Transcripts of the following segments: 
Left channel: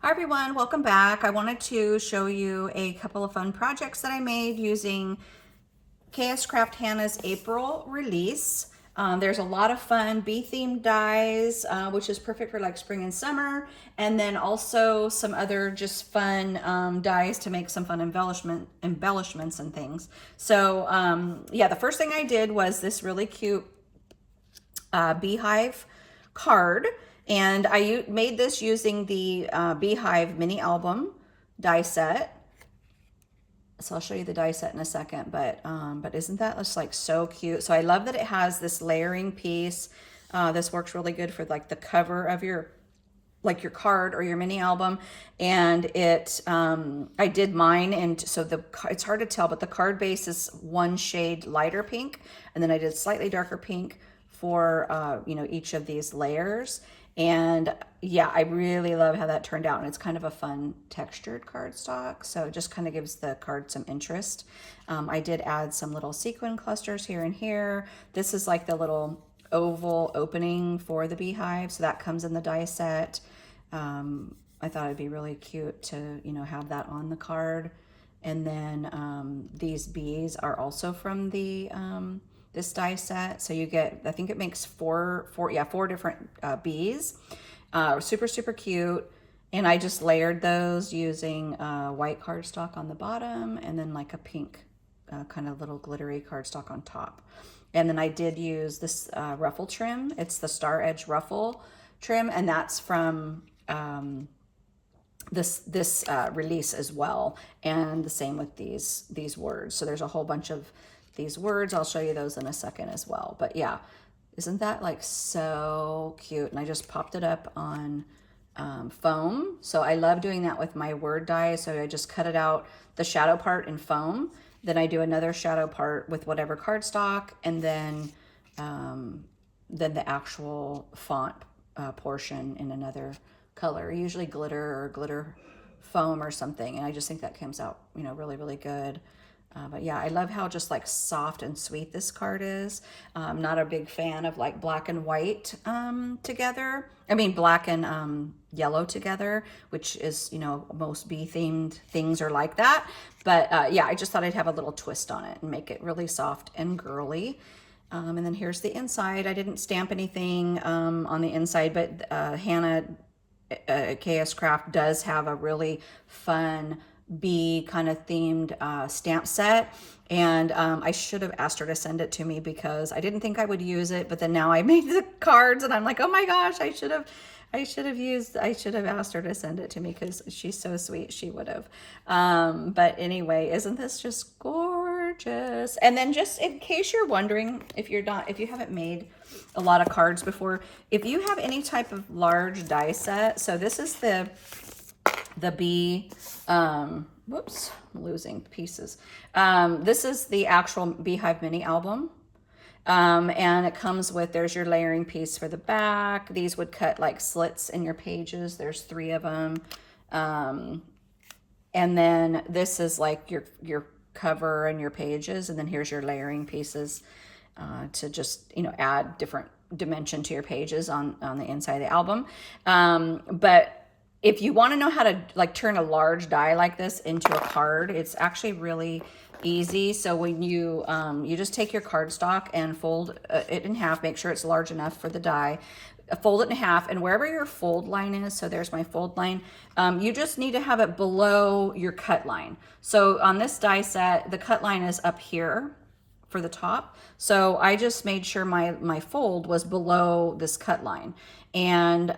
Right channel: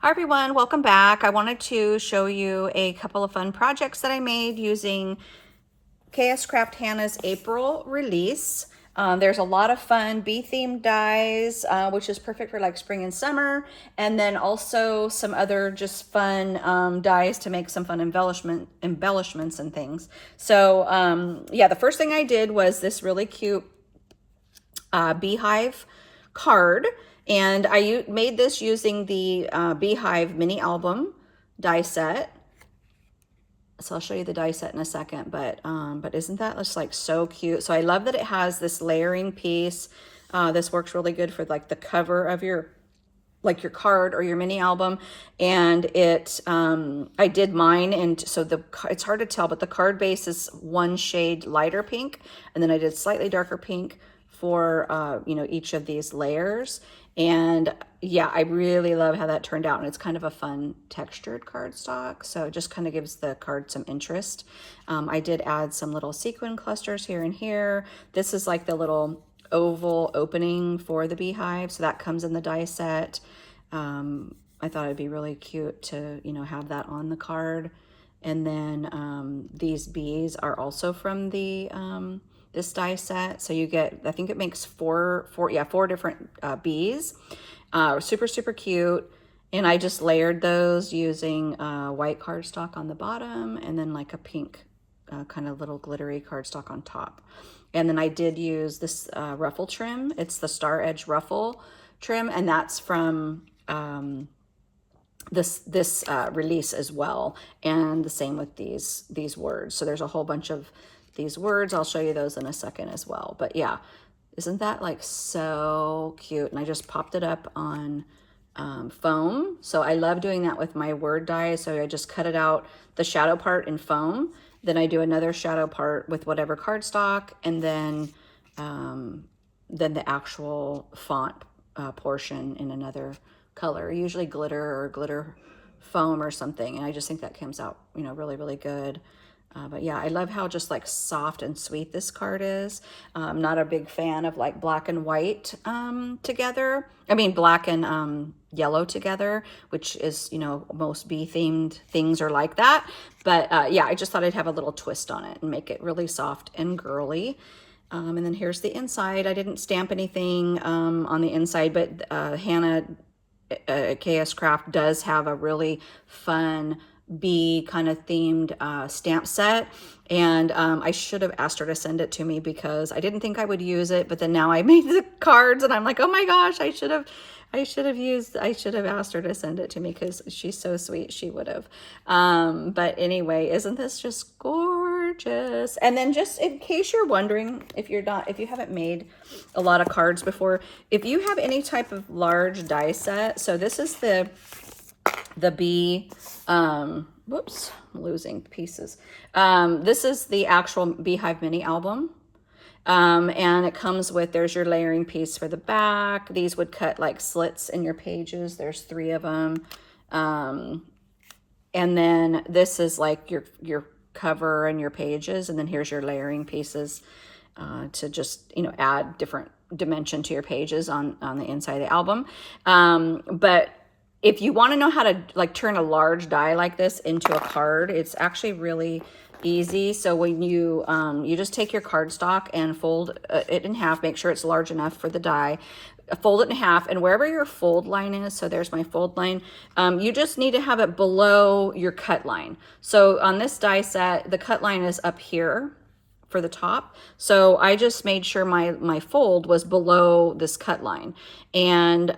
Hi everyone, welcome back. I wanted to show you a couple of fun projects that I made using KSCraft Hannah's April release. There's a lot of fun bee themed dies, which is perfect for like spring and summer, and then also some other just fun dies to make some fun embellishments and things. So yeah, the first thing I did was this really cute Beehive Card, and I made this using the Beehive mini album die set. So I'll show you the die set in a second, but isn't that just like so cute? So I love that it has this layering piece. This works really good for like the cover of your card or your mini album. And it I did mine, and so it's hard to tell, but the card base is one shade lighter pink, and then I did slightly darker pink for each of these layers. And yeah, I really love how that turned out, and it's kind of a fun textured cardstock, so it just kind of gives the card some interest. I did add some little sequin clusters here and here. This is like the little oval opening for the beehive, so that comes in the die set. I thought it'd be really cute to have that on the card. And then these bees are also from the this die set, so you get, I think it makes four different bees. Super cute. And I just layered those using white cardstock on the bottom, and then like a pink kind of little glittery cardstock on top. And then I did use this ruffle trim. It's the Star Edge ruffle trim, and that's from this release as well. And the same with these words. So there's a whole bunch of these words. I'll show you those in a second as well. But yeah, isn't that like so cute? And I just popped it up on foam. So I love doing that with my word die. So I just cut it out, the shadow part in foam. Then I do another shadow part with whatever cardstock, and then the actual font portion in another color, usually glitter or glitter foam or something. And I just think that comes out, really good. But yeah, I love how just like soft and sweet this card is. I'm not a big fan of like black and white together. I mean, black and yellow together, which is, most bee themed things are like that. But yeah, I just thought I'd have a little twist on it and make it really soft and girly. And then here's the inside. I didn't stamp anything on the inside, but Hannah KSCraft does have a really fun bee kind of themed stamp set, and I should have asked her to send it to me because I didn't think I would use it, but then now I made the cards and I'm like, oh my gosh, I should have asked her to send it to me because she's so sweet. She would have. But anyway, isn't this just gorgeous? And then just in case you're wondering, if you haven't made a lot of cards before, if you have any type of large die set, so this is the bee, whoops, I'm losing pieces. This is the actual Beehive mini album. And it comes with, there's your layering piece for the back. These would cut like slits in your pages. There's 3 of them. And then this is like your cover and your pages. And then here's your layering pieces to just, add different dimension to your pages on the inside of the album. But if you want to know how to like turn a large die like this into a card, it's actually really easy. So when you just take your cardstock and fold it in half, make sure it's large enough for the die, fold it in half, and wherever your fold line is, so there's my fold line, you just need to have it below your cut line. So on this die set, the cut line is up here for the top. So I just made sure my fold was below this cut line. And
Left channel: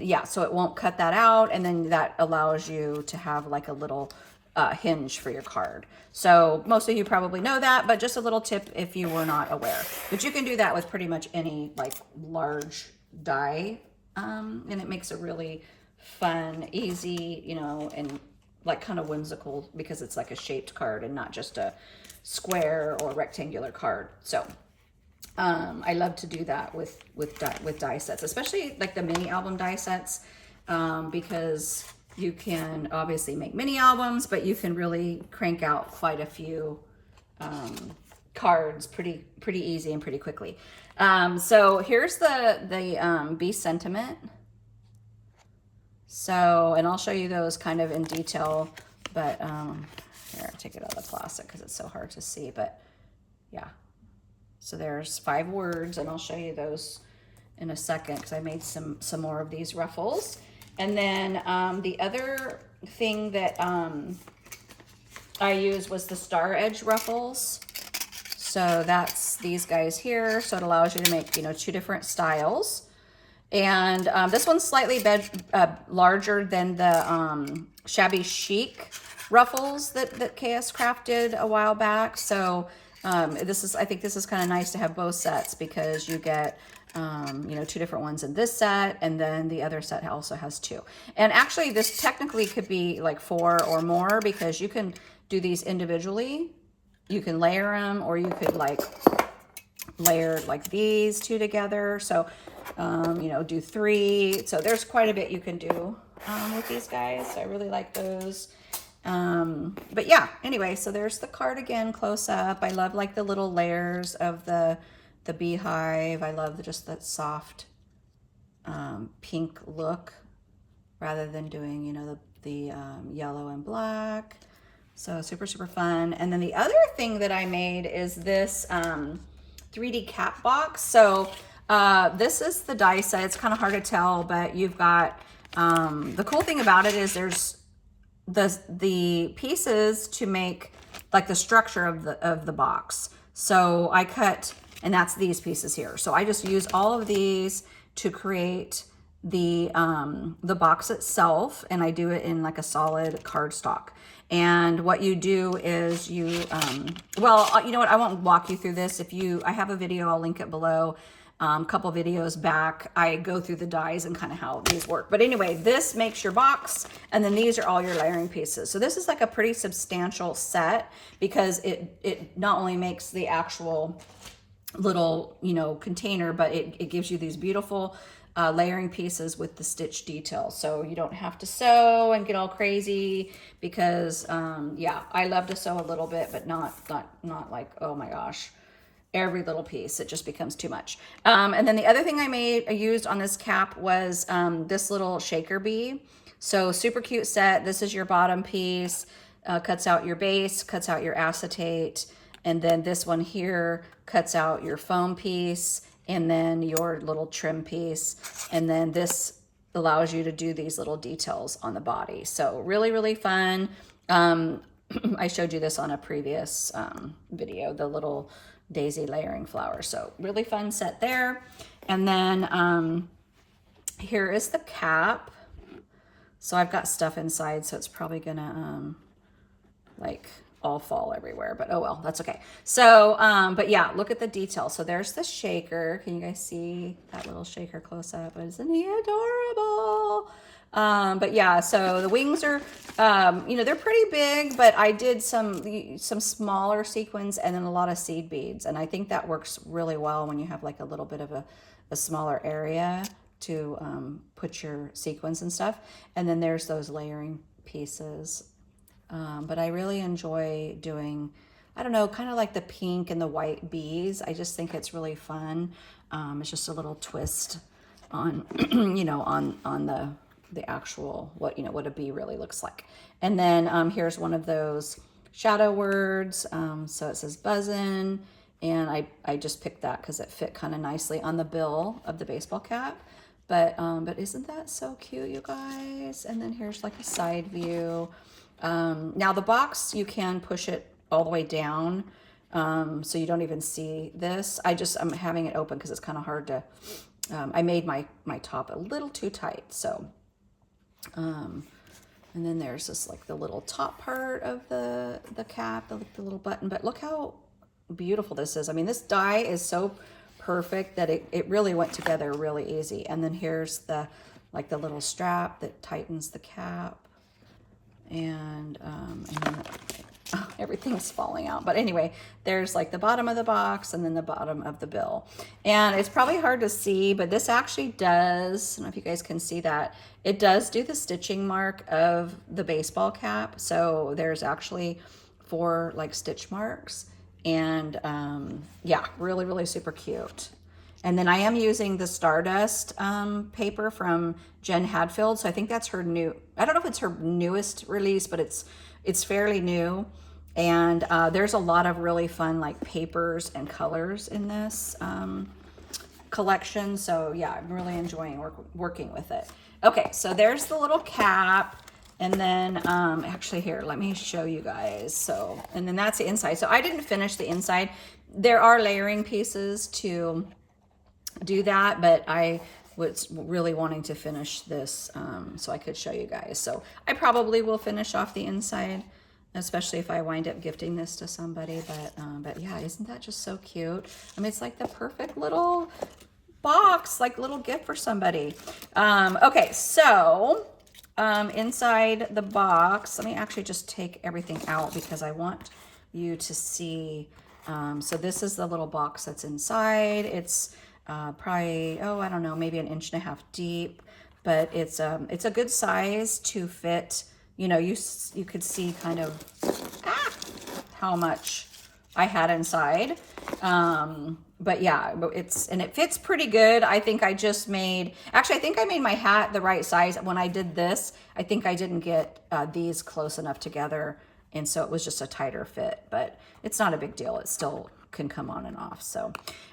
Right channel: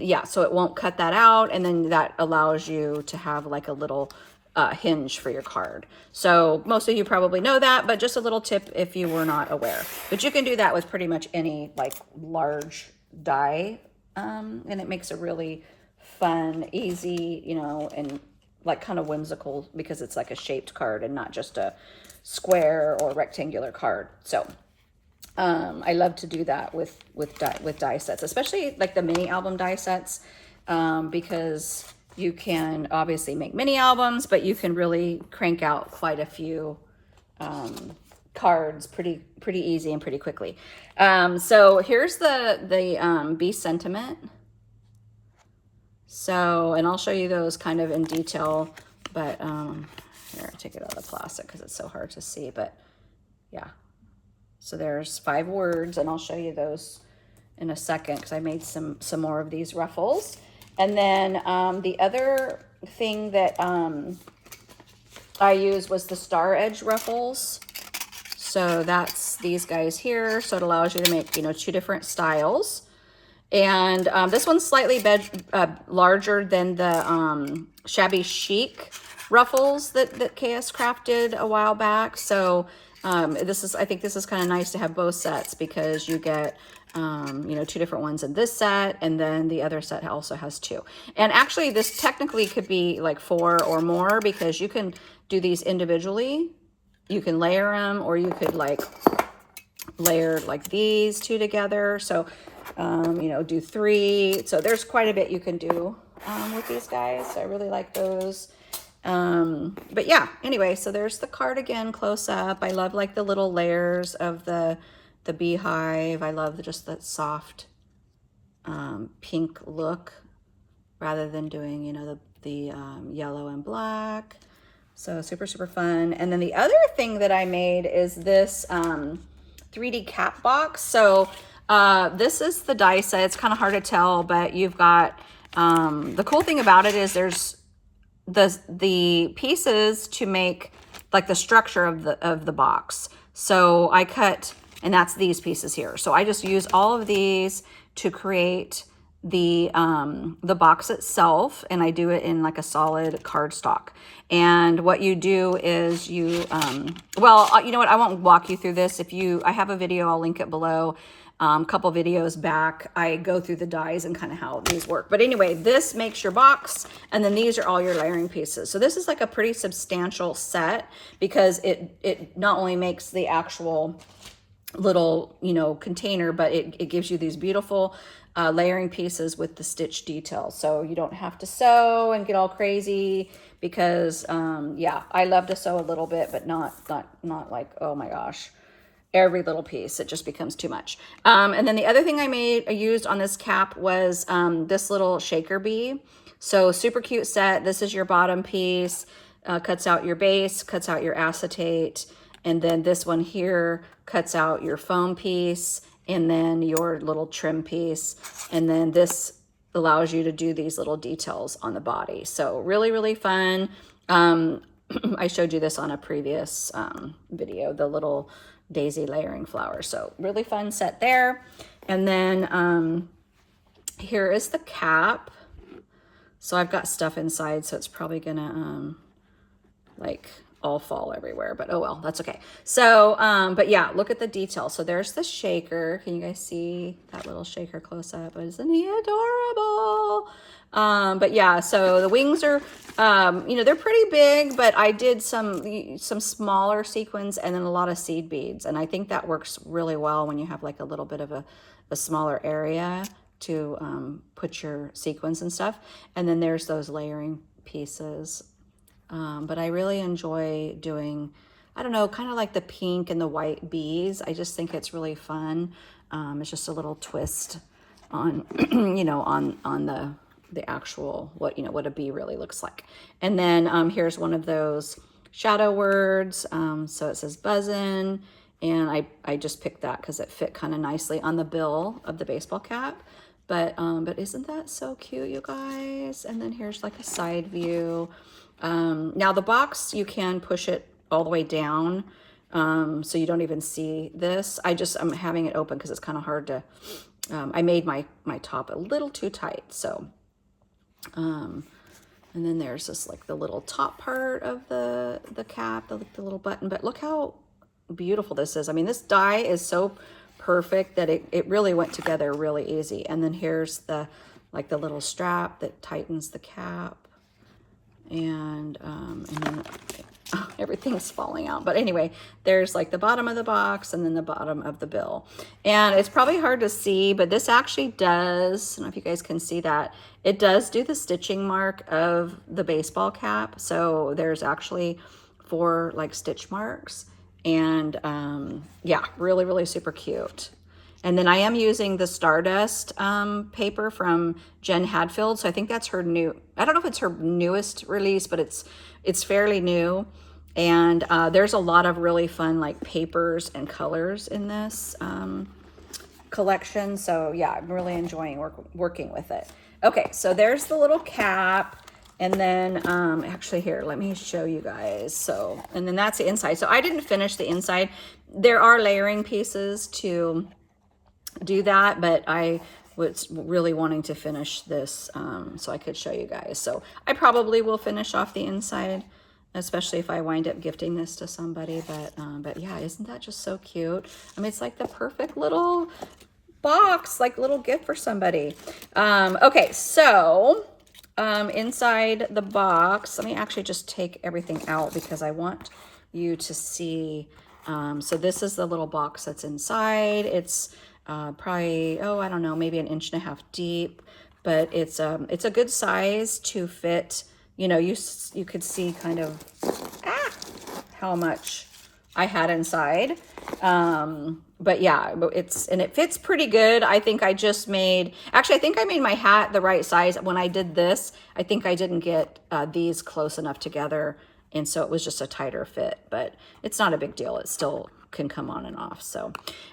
yeah, so it won't cut that out. And then that allows you to have like a little hinge for your card. So most of you probably know that, but just a little tip if you were not aware. But you can do that with pretty much any like large die. And it makes a really fun, easy, and like kind of whimsical, because it's like a shaped card and not just a square or rectangular card. So I love to do that with die sets, especially like the mini album die sets, because you can obviously make mini albums, but you can really crank out quite a few cards pretty easy and pretty quickly. So here's the Bee Sentiment. So, and I'll show you those kind of in detail, but here, I'll take it out of the plastic because it's so hard to see, but yeah. So there's 5 words, and I'll show you those in a second because I made some more of these ruffles. And then the other thing that I used was the star edge ruffles. So that's these guys here. So it allows you to make, 2 different styles. And this one's slightly larger than the Shabby Chic ruffles that KSCraft did a while back. So I think this is kind of nice to have both sets because you get, 2 different ones in this set, and then the other set also has 2. And actually this technically could be like 4 or more because you can do these individually. You can layer them, or you could like layer like these 2 together. So, do 3. So there's quite a bit you can do with these guys. So I really like those. But yeah, anyway, so there's the cardigan close up. I love like the little layers of the beehive. I love just that soft pink look rather than doing, the yellow and black. So super, super fun. And then the other thing that I made is this 3D cap box. So this is the die set. It's kind of hard to tell, but you've got, the cool thing about it is there's the pieces to make like the structure of the box. So I cut, and that's these pieces here. So I just use all of these to create the box itself, and I do it in like a solid cardstock. And what you do is you, well, you know what, I won't walk you through this. I have a video, I'll link it below. A couple videos back, I go through the dies and kind of how these work. But anyway, this makes your box, and then these are all your layering pieces. So this is like a pretty substantial set because it not only makes the actual little, container, but it gives you these beautiful layering pieces with the stitch details. So you don't have to sew and get all crazy because, yeah, I love to sew a little bit, but not like, oh my gosh, every little piece. It just becomes too much. And then the other thing I used on this cap was this little shaker bee. So super cute set. This is your bottom piece, cuts out your base, cuts out your acetate. And then this one here cuts out your foam piece and then your little trim piece. And then this allows you to do these little details on the body. So really, really fun. I showed you this on a previous video, the little daisy layering flower. So really fun set there. And then here is the cap. So I've got stuff inside, so it's probably gonna like all fall everywhere, but oh well, that's okay. So but yeah, look at the detail. So there's the shaker. Can you guys see that little shaker close up? Isn't he adorable? But yeah, so the wings are, they're pretty big, but I did some smaller sequins and then a lot of seed beads. And I think that works really well when you have like a little bit of a smaller area to put your sequins and stuff. And then there's those layering pieces. But I really enjoy doing, I don't know, kind of like the pink and the white bees. I just think it's really fun. It's just a little twist on, on the actual, what a bee really looks like. And then here's one of those shadow words. So it says buzzin', and I just picked that because it fit kind of nicely on the bill of the baseball cap. But isn't that so cute, you guys? And then here's like a side view. Now the box, you can push it all the way down, so you don't even see this. I'm having it open because it's kind of hard to, I made my top a little too tight. So, and then there's this like the little top part of the cap, the little button, but look how beautiful this is. I mean, this die is so perfect that it really went together really easy. And then here's the little strap that tightens the cap. And then everything's falling out. But anyway, there's like the bottom of the box and then the bottom of the bill. And it's probably hard to see, but this actually does, I don't know if you guys can see that, it does do the stitching mark of the baseball cap. So there's actually 4 like stitch marks. And yeah, really, really super cute. And then I am using the Stardust paper from Jen Hadfield. So I think that's her new, I don't know if it's her newest release, but it's fairly new. And there's a lot of really fun like papers and colors in this collection. So yeah, I'm really enjoying working with it. Okay, so there's the little cap. And then actually here, let me show you guys. So, and then that's the inside. So I didn't finish the inside. There are layering pieces to do that, but I was really wanting to finish this so I could show you guys. So I probably will finish off the inside, especially if I wind up gifting this to somebody. But yeah, isn't that just so cute? I mean, it's like the perfect little box, like little gift for somebody. Okay, so inside the box, let me actually just take everything out because I want you to see. So this is the little box that's inside. It's probably, oh, I don't know, maybe 1.5 inches deep, but it's a good size to fit. You know, you could see kind of how much I had inside. But yeah, it fits pretty good. I think I just made, actually, I think I made my hat the right size. When I did this, I think I didn't get these close enough together. And so it was just a tighter fit, but it's not a big deal. It still can come on and off. So,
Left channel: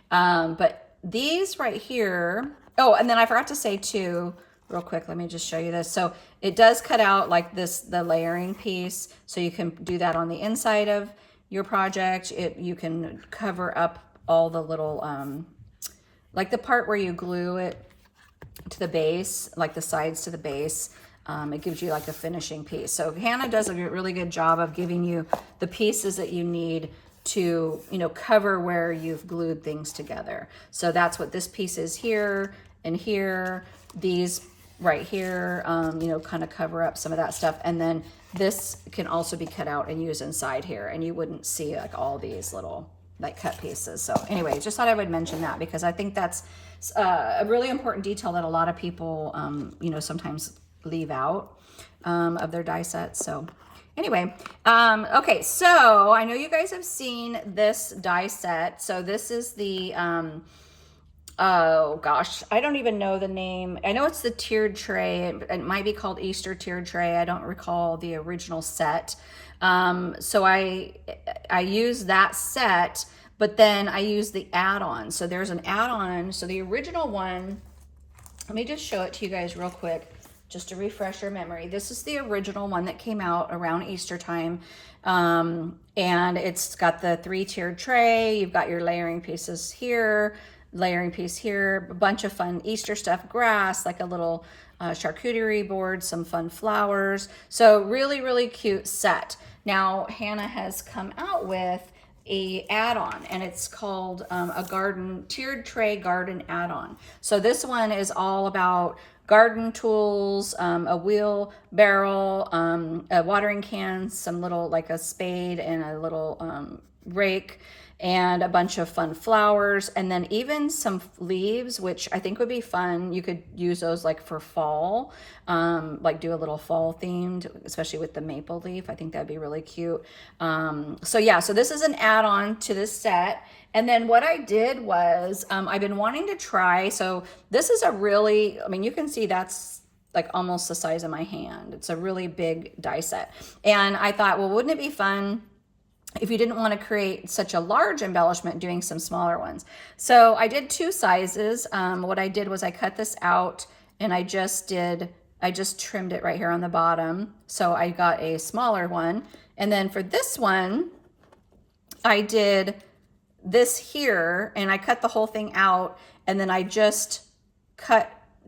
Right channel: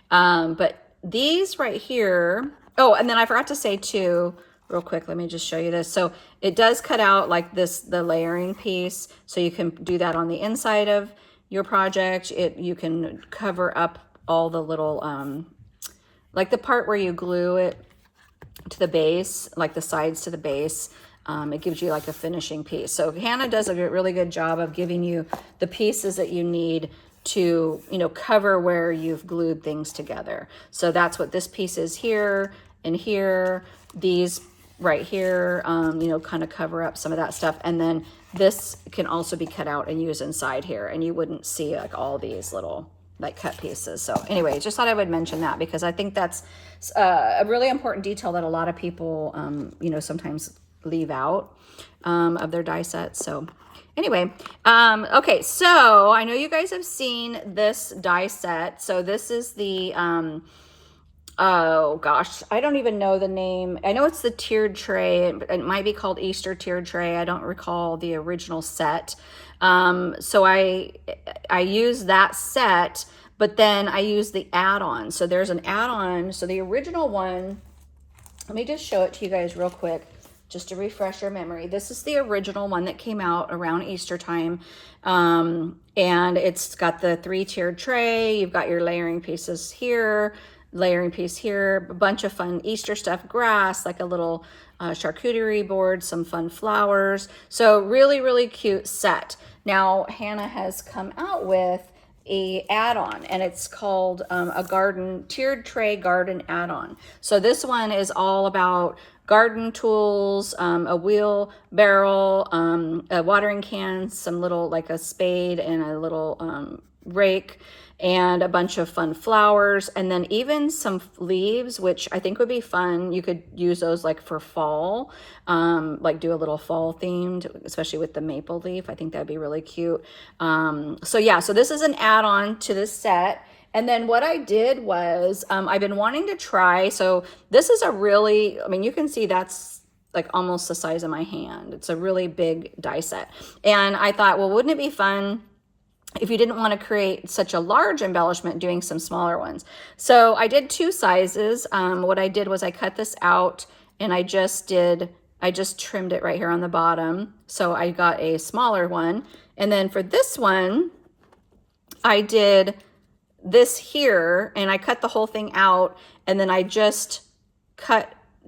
but these right here, oh, and then I forgot to say too, real quick, let me just show you this. So it does cut out like this, the layering piece. So you can do that on the inside of your project. You can cover up all the little, like the part where you glue it to the base, like the sides to the base. It gives you like a finishing piece. So Hannah does a really good job of giving you the pieces that you need to, you know, cover where you've glued things together. So that's what this piece is here and here. These right here, you know, kind of cover up some of that stuff. And then this can also be cut out and used inside here, and you wouldn't see like all these little like cut pieces. So anyway, just thought I would mention that because I think that's a really important detail that a lot of people, you know, sometimes leave out of their die sets. So anyway, okay, so I know you guys have seen this die set. So this is the, oh gosh, I don't even know the name. I know it's the tiered tray. It might be called Easter tiered tray. I don't recall the original set. So I use that set, but then I use the add-on. So there's an add-on. So the original one, let me just show it to you guys real quick, just to refresh your memory. This is the original one that came out around Easter time. And it's got the 3-tiered tray. You've got your layering pieces here, layering piece here, a bunch of fun Easter stuff, grass, like a little charcuterie board, some fun flowers. So really, really cute set. Now, Hannah has come out with a add-on, and it's called a garden tiered tray garden add-on. So this one is all about garden tools, a wheelbarrow, a watering can, some little like a spade and a little rake, and a bunch of fun flowers, and then even some leaves, which I think would be fun. You could use those like for fall, like do a little fall themed, especially with the maple leaf. I think that'd be really cute. So yeah, so this is an add-on to this set. And then what I did was, I've been wanting to try, so this is a really, I mean, you can see that's like almost the size of my hand. It's a really big die set. And I thought, well, wouldn't it be fun if you didn't want to create such a large embellishment, doing some smaller ones? So I did 2 sizes. What I did was I cut this out and I just trimmed it right here on the bottom. So I got a smaller one. And then for this one, I did this here and I cut the whole thing out, and then I just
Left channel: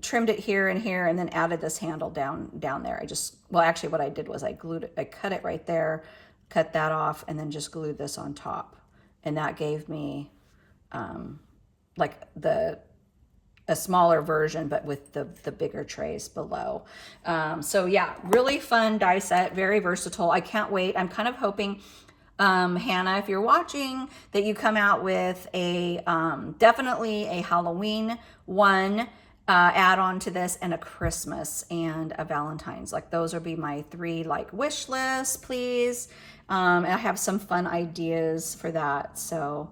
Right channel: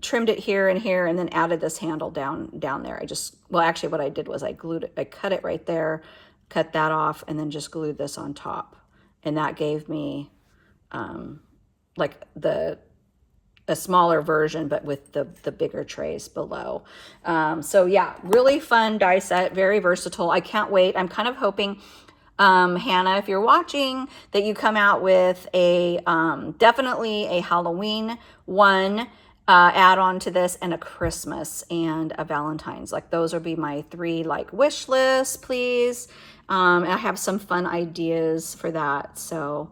trimmed it here and here, and then added this handle down there. Well, actually what I did was I cut it right there, cut that off, and then just glued this on top. And that gave me like a smaller version, but with the bigger trays below. So yeah, really fun die set, very versatile. I can't wait. I'm kind of hoping, Hannah, if you're watching, that you come out with a definitely a Halloween one add on to this, and a Christmas and a Valentine's. Like those would be my 3 like wish lists, please. And I have some fun ideas for that. So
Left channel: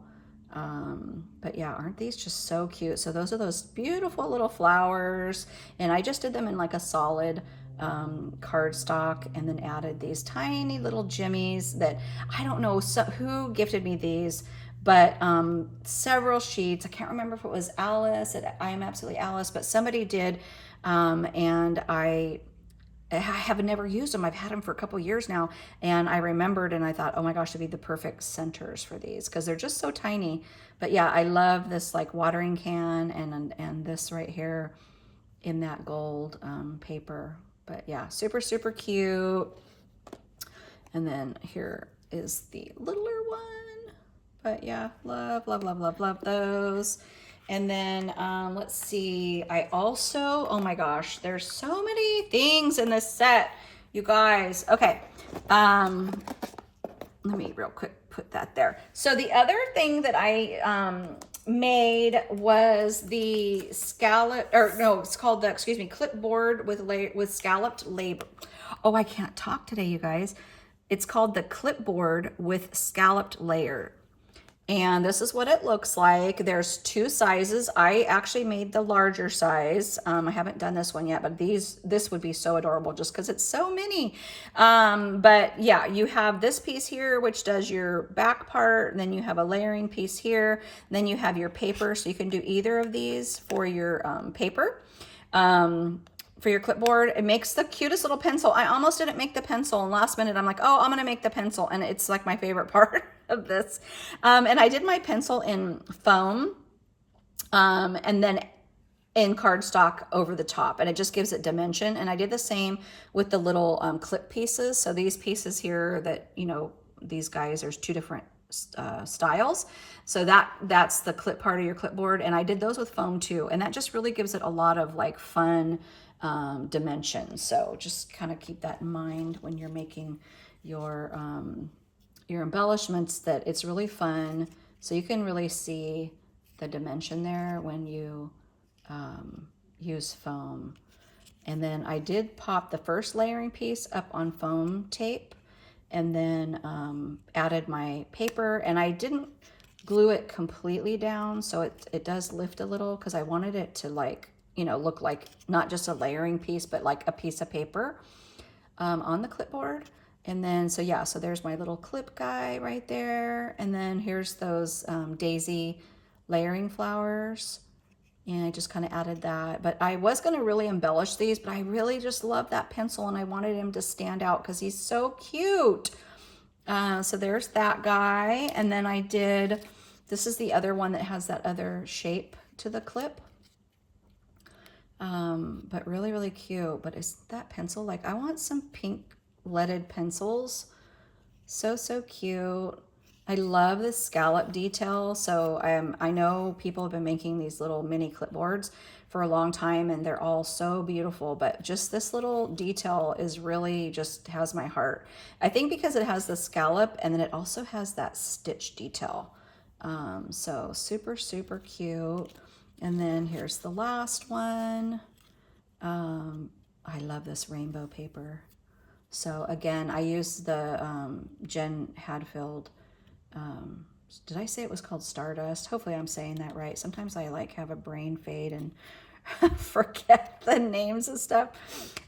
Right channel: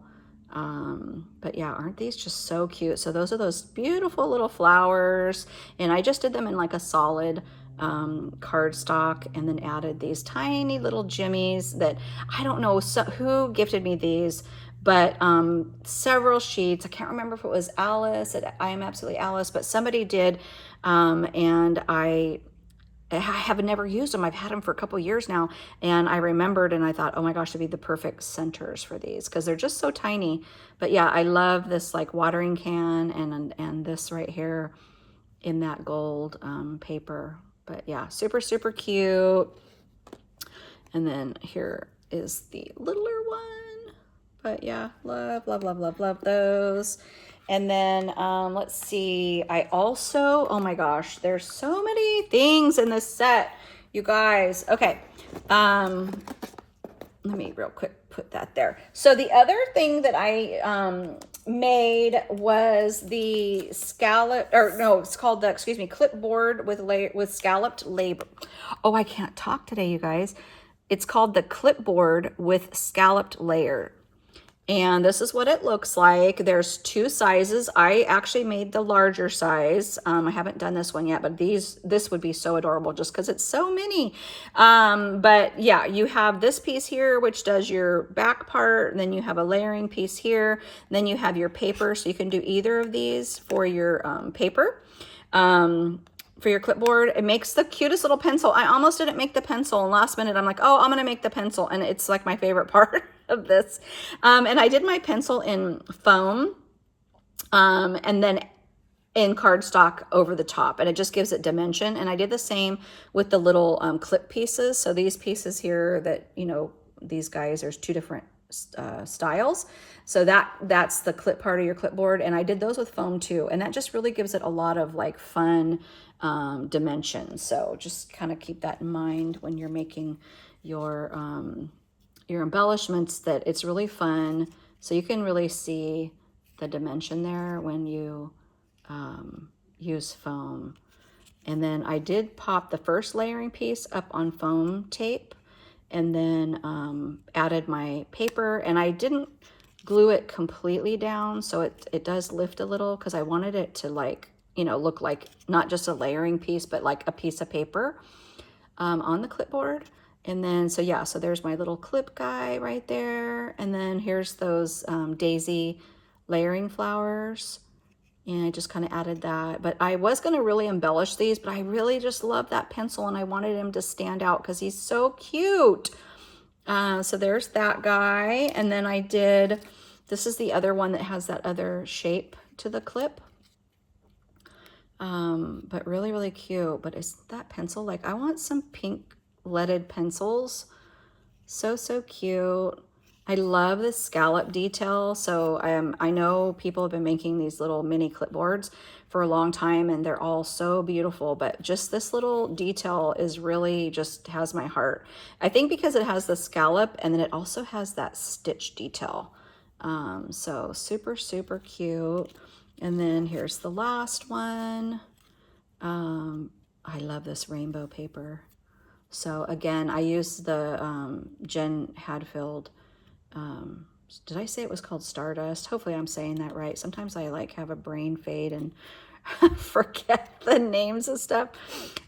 But yeah, aren't these just so cute? So those are those beautiful little flowers, and I just did them in like a solid cardstock, and then added these tiny little jimmies that I don't know who gifted me these, but several sheets. I can't remember if it was Alice at I Am Absolutely Alice, but somebody did, and I have never used them. I've had them for a couple years now, and I remembered, and I thought, oh my gosh, they'd be the perfect centers for these because they're just so tiny. But yeah, I love this like watering can, and this right here in that gold paper. But yeah, super, super cute. And then here is the littler one. But yeah, love, love, love, love, love those. And then let's see, I also, oh my gosh, there's so many things in this set, you guys. Okay, let me real quick put that there. So the other thing that I made was the scallop, or no, it's called the, excuse me, clipboard with scalloped label. Oh, I can't talk today, you guys. It's called the clipboard with scalloped layer. And this is what it looks like. There's two sizes. I actually made the larger size. I haven't done this one yet, but this would be so adorable just because it's so many. But yeah, you have this piece here, which does your back part. And then you have a layering piece here. And then you have your paper. So you can do either of these for your paper. For your clipboard. It makes the cutest little pencil. I almost didn't make the pencil, and last minute I'm like, oh, I'm gonna make the pencil, and it's like my favorite part of this. And I did my pencil in foam, and then in cardstock over the top, and it just gives it dimension. And I did the same with the little clip pieces. So these pieces here that, you know, these guys, there's two different styles. So that's the clip part of your clipboard, and I did those with foam too, and that just really gives it a lot of like fun dimensions. So just kind of keep that in mind when you're making your embellishments, that it's really fun. So you can really see the dimension there when you use foam. And then I did pop the first layering piece up on foam tape, and then added my paper, and I didn't glue it completely down, so it does lift a little because I wanted it to, like, you know, look like not just a layering piece, but like a piece of paper on the clipboard. And then, so yeah, so there's my little clip guy right there. And then here's those daisy layering flowers. And I just kind of added that. But I was going to really embellish these, but I really just love that pencil, and I wanted him to stand out because he's so cute. So there's that guy. And then I did, this is the other one that has that other shape to the clip. But really, really cute. But is that pencil, like, I want some pink leaded pencils. So, so cute. I love the scallop detail. So I know people have been making these little mini clipboards for a long time, and they're all so beautiful, but just this little detail is really just has my heart. I think because it has the scallop, and then it also has that stitch detail. So super, super cute. And then here's the last one. I love this rainbow paper. So again, I used the Jen Hadfield, did I say it was called Stardust? Hopefully I'm saying that right. Sometimes I like have a brain fade and forget the names of stuff.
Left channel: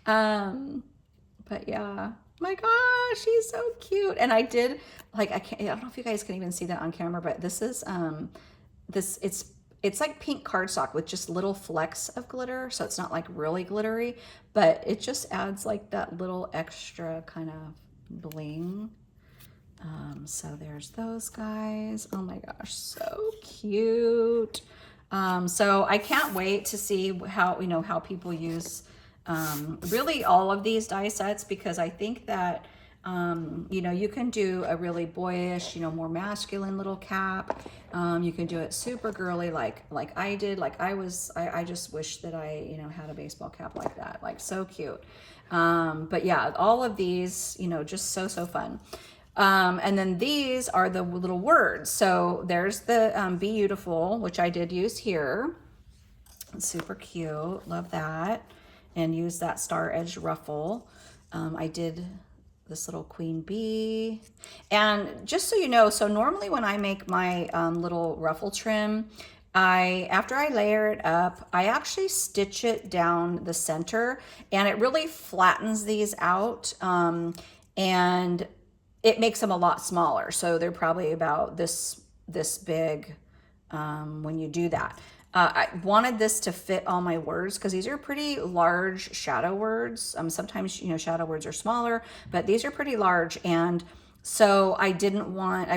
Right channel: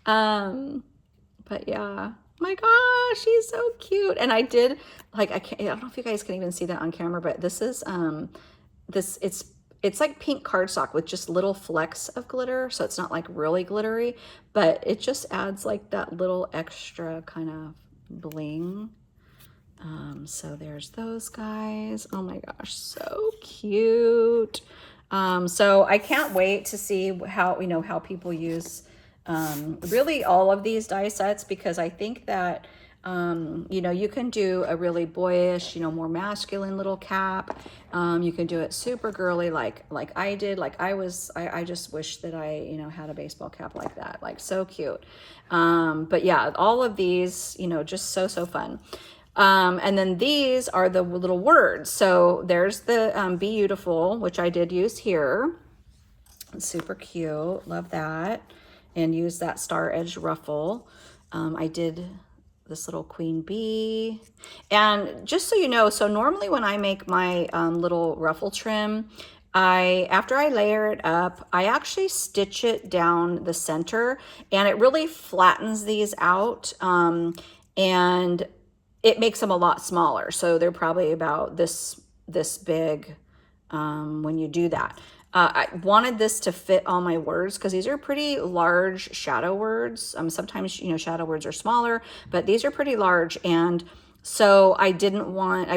But yeah, my gosh, she's so cute. And I did, like, I don't know if you guys can even see that on camera, but this is, it's like pink cardstock with just little flecks of glitter. So it's not like really glittery, but it just adds like that little extra kind of bling. So there's those guys. Oh my gosh, so cute. So I can't wait to see how, you know, how people use really all of these die sets, because I think that you know, you can do a really boyish, you know, more masculine little cap. You can do it super girly, like I did. Like I just wish that I, you know, had a baseball cap like that. Like, so cute. But yeah, all of these, you know, just so fun. And then these are the little words. So there's the Be Beautiful, which I did use here. It's super cute. Love that. And use that star edge ruffle. I did this little queen bee. And just so you know, so normally when I make my little ruffle trim, after I layer it up, I actually stitch it down the center, and it really flattens these out, and it makes them a lot smaller. So they're probably about this big when you do that. I wanted this to fit all my words because these are pretty large shadow words. Sometimes, you know, shadow words are smaller, but these are pretty large. And so I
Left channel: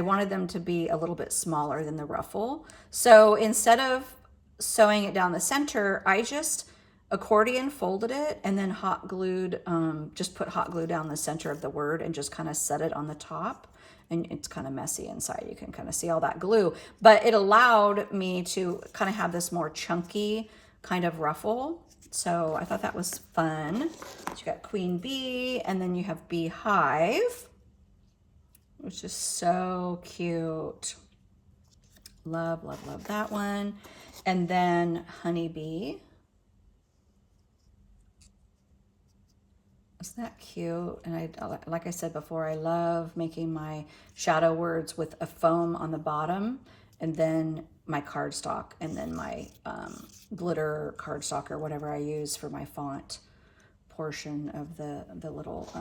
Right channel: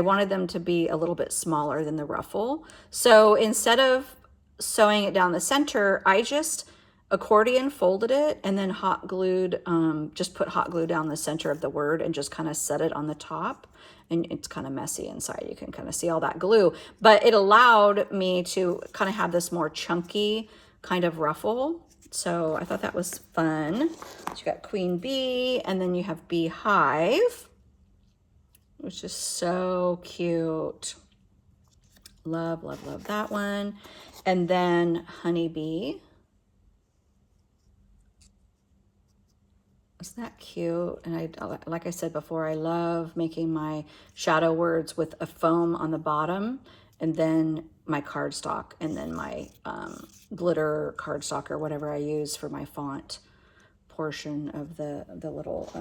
wanted them to be a little bit smaller than the ruffle. So instead of sewing it down the center, I just accordion folded it and then hot glued, just put hot glue down the center of the word and just kind of set it on the top. And it's kind of messy inside. You can kind of see all that glue, but it allowed me to kind of have this more chunky kind of ruffle. So I thought that was fun. So you got queen bee, and then you have beehive, which is so cute. Love, love, love that one. And then honeybee. Isn't that cute? And like I said before, I love making my shadow words with a foam on the bottom, and then my cardstock, and then my glitter cardstock or whatever I use for my font portion of the little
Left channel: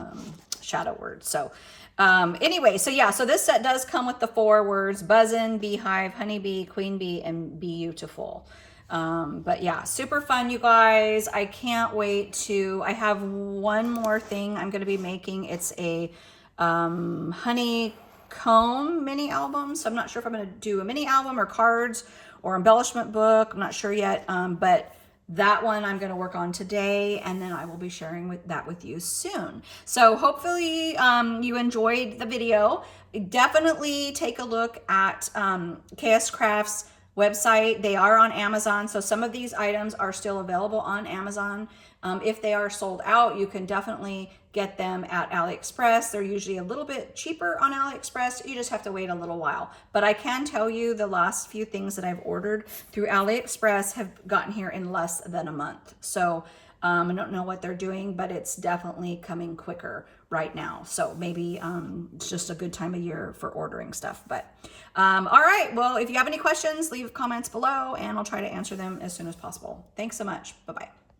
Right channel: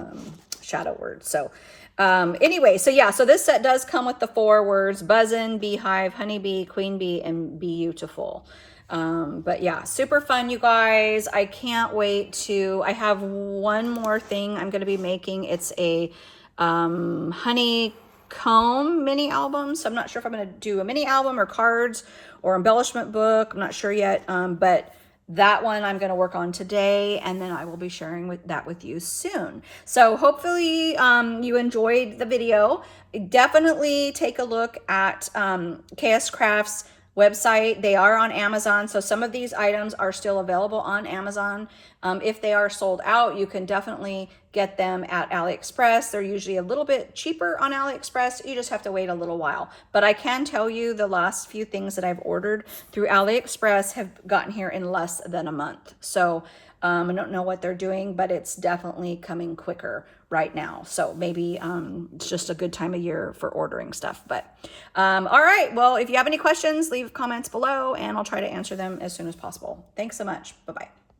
shadow words. So anyway, so yeah, so this set does come with the 4 words: buzzin', beehive, honeybee, queen bee, and beautiful. But yeah, super fun, you guys. I can't wait to, I have one more thing I'm going to be making. It's a honeycomb mini album. So I'm not sure if I'm going to do a mini album or cards or embellishment book. I'm not sure yet. But that one I'm going to work on today, and then I will be sharing that with you soon. So hopefully you enjoyed the video. Definitely take a look at KSCraft's website. They are on Amazon, so some of these items are still available on Amazon. If they are sold out, you can definitely get them at AliExpress. They're usually a little bit cheaper on AliExpress. You just have to wait a little while. But I can tell you the last few things that I've ordered through AliExpress have gotten here in less than a month. So I don't know what they're doing, but it's definitely coming quicker right now. So maybe it's just a good time of year for ordering stuff. But all right, well, if you have any questions, leave comments below and I'll try to answer them as soon as possible. Thanks so much. Bye-bye.